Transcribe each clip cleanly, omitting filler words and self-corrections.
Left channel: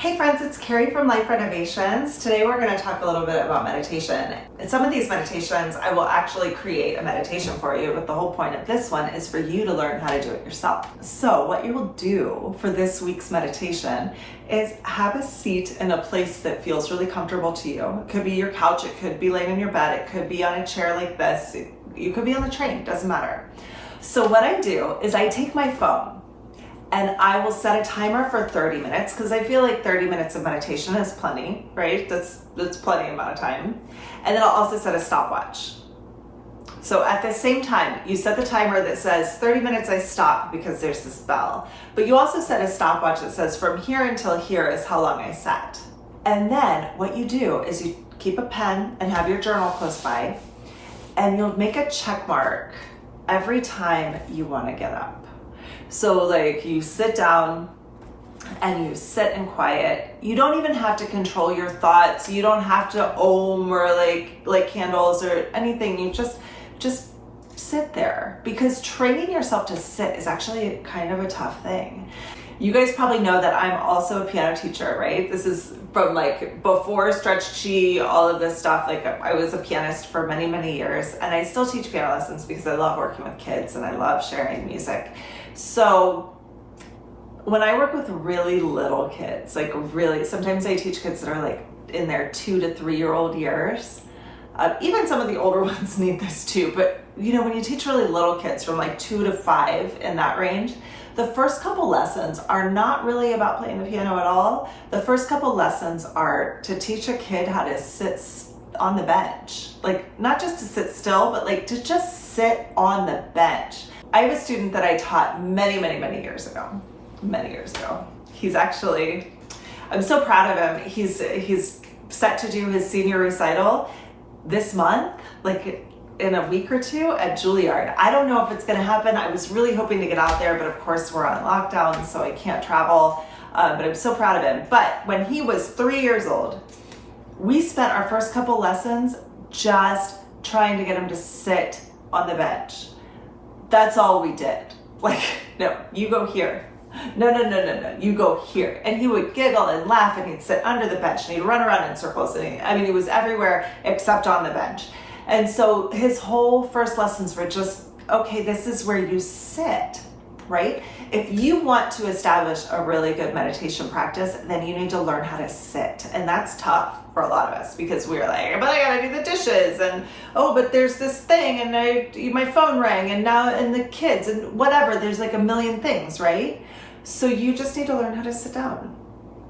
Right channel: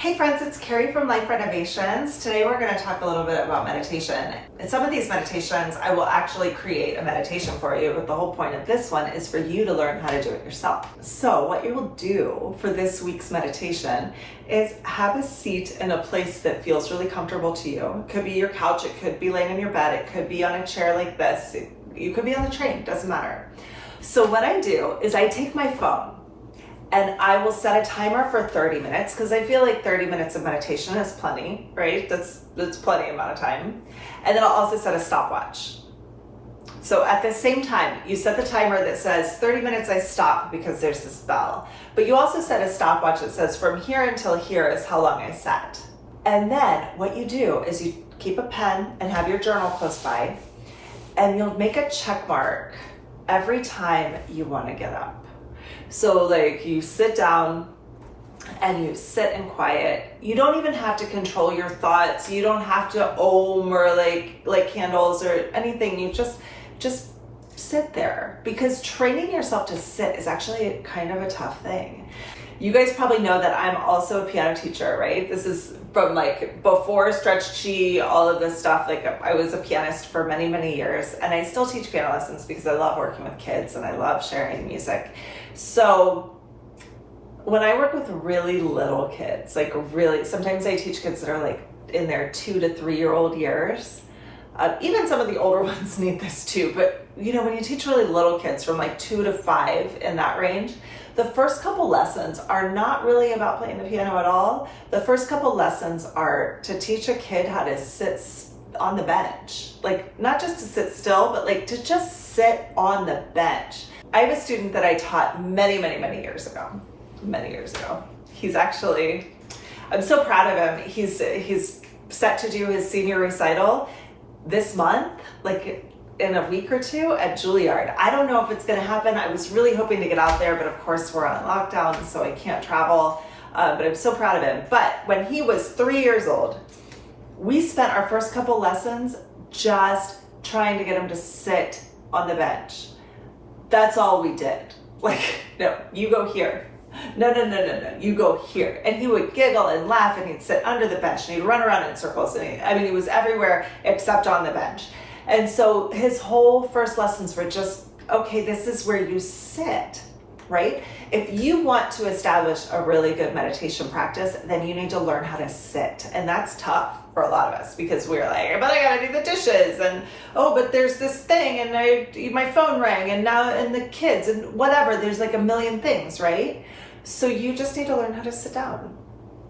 Hey friends, it's Carrie from Life Renovations. Today we're going to talk a little bit about meditation. In some of these meditations, I will actually create a meditation for you, but the whole point of this one is for you to learn how to do it yourself. So what you will do for this week's meditation is have a seat in a place that feels really comfortable to you. It could be your couch, it could be laying in your bed, it could be on a chair like this, you could be on the train, doesn't matter. So what I do is I take my phone and I will set a timer for 30 minutes because I feel like 30 minutes of meditation is plenty, right? That's plenty amount of time. And then I'll also set a stopwatch. So at the same time, you set the timer that says 30 minutes I stop because there's this bell. But you also set a stopwatch that says from here until here is how long I set. And then what you do is you keep a pen and have your journal close by, and you'll make a check mark every time you want to get up. So like you sit down and you sit in quiet. You don't even have to control your thoughts. You don't have to om or like candles or anything. You just sit there, because training yourself to sit is actually kind of a tough thing. You guys probably know that I'm also a piano teacher, right? This is from like before Stretch Chi, all of this stuff. Like I was a pianist for many, many years, and I still teach piano lessons because I love working with kids and I love sharing music. So when I work with really little kids, sometimes I teach kids that are like in their 2 to 3 year old years. Even some of the older ones need this too, but you know, when you teach really little kids from like 2 to 5 in that range, the first couple lessons are not really about playing the piano at all. The first couple lessons are to teach a kid how to sit on the bench. Like not just to sit still, but like to just sit on the bench. I have a student that I taught many years ago. He's actually, I'm so proud of him. He's set to do his senior recital this month, like in a week or two at Juilliard. I don't know if it's gonna happen. I was really hoping to get out there, but of course we're on lockdown, so I can't travel, but I'm so proud of him. But when he was 3 years old, we spent our first couple lessons just trying to get him to sit on the bench. That's all we did. Like, no, you go here. No, you go here. And he would giggle and laugh, and he'd sit under the bench, and he'd run around in circles. And he was everywhere except on the bench. And so his whole first lessons were just, okay, this is where you sit, right? If you want to establish a really good meditation practice, then you need to learn how to sit. And that's tough for a lot of us, because we're like, but I gotta do the dishes, and oh, but there's this thing, and my phone rang, and the kids, and whatever, there's like a million things, right? So you just need to learn how to sit down.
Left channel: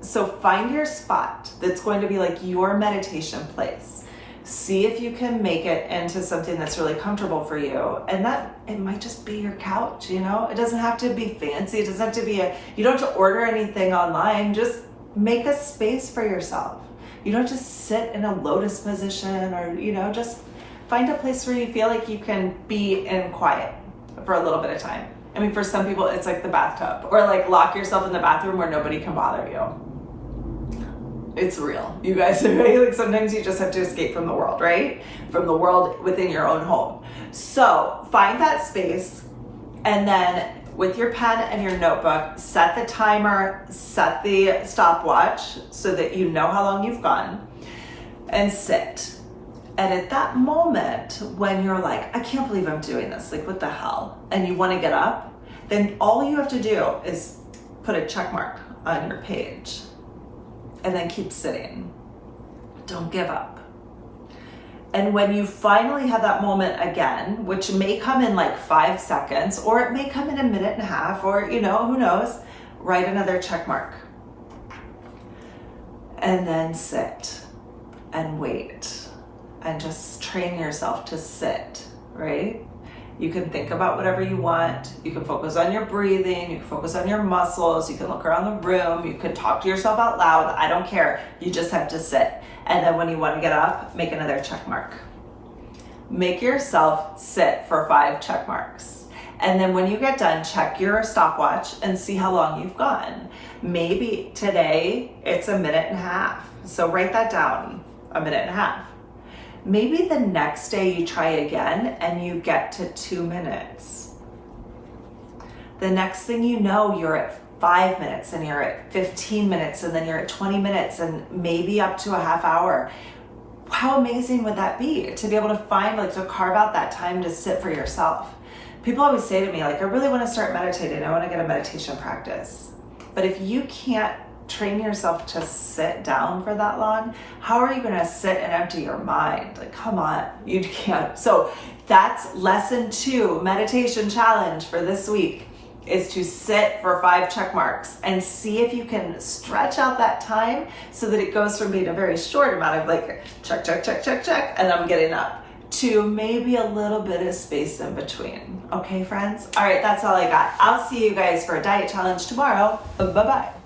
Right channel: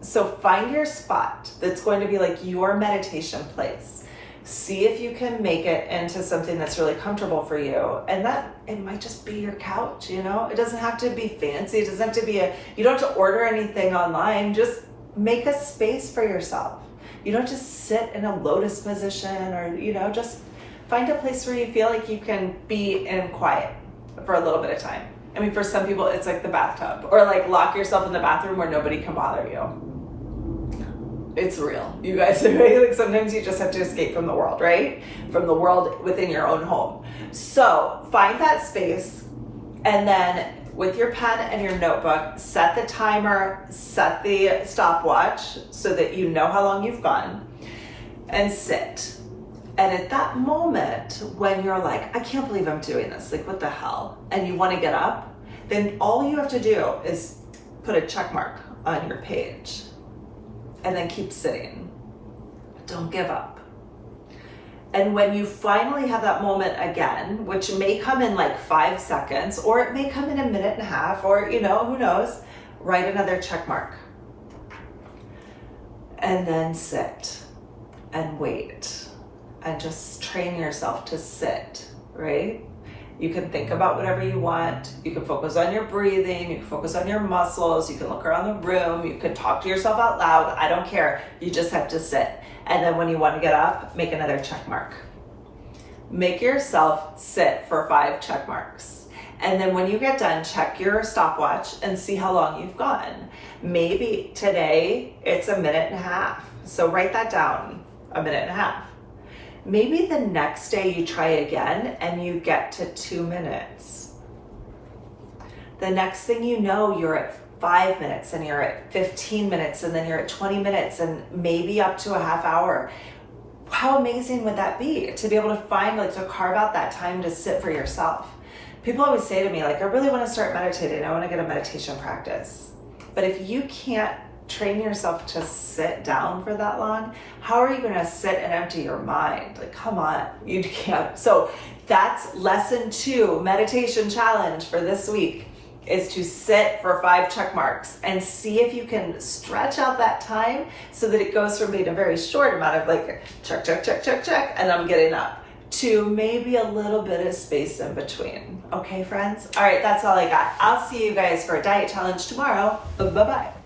So find your spot that's going to be like your meditation place. See if you can make it into something that's really comfortable for you. And that it might just be your couch, you know? It doesn't have to be fancy. It doesn't have to be you don't have to order anything online. Just make a space for yourself. You don't just sit in a lotus position, or, you know, just find a place where you feel like you can be in quiet for a little bit of time. I mean, for some people, it's like the bathtub, or like lock yourself in the bathroom where nobody can bother you. It's real, you guys. Right? Like sometimes you just have to escape from the world, right? From the world within your own home. So find that space, and then with your pen and your notebook, set the timer, set the stopwatch so that you know how long you've gone, and sit. And at that moment, when you're like, I can't believe I'm doing this, like what the hell, and you want to get up, then all you have to do is put a check mark on your page, and then keep sitting. Don't give up. And when you finally have that moment again, which may come in like 5 seconds, or it may come in a minute and a half, or, you know, who knows, write another check mark. And then sit and wait, and just train yourself to sit, right? You can think about whatever you want. You can focus on your breathing. You can focus on your muscles. You can look around the room. You can talk to yourself out loud. I don't care. You just have to sit. And then when you want to get up, make another check mark. Make yourself sit for 5 check marks. And then when you get done, check your stopwatch and see how long you've gone. Maybe today it's a minute and a half. So write that down, a minute and a half. Maybe the next day you try again and you get to 2 minutes. The next thing you know, you're at 5 minutes, and you're at 15 minutes, and then you're at 20 minutes, and maybe up to a half hour. How amazing would that be to be able to find, like, to carve out that time to sit for yourself? People always say to me, like, I really want to start meditating. I want to get a meditation practice. But if you can't train yourself to sit down for that long, how are you going to sit and empty your mind? Like, come on, you can't. So that's lesson 2, meditation challenge for this week, is to sit for 5 check marks and see if you can stretch out that time so that it goes from being a very short amount of, like, check, check, check, check, check, and I'm getting up, to maybe a little bit of space in between. Okay, friends? All right, that's all I got. I'll see you guys for a diet challenge tomorrow. Bye-bye.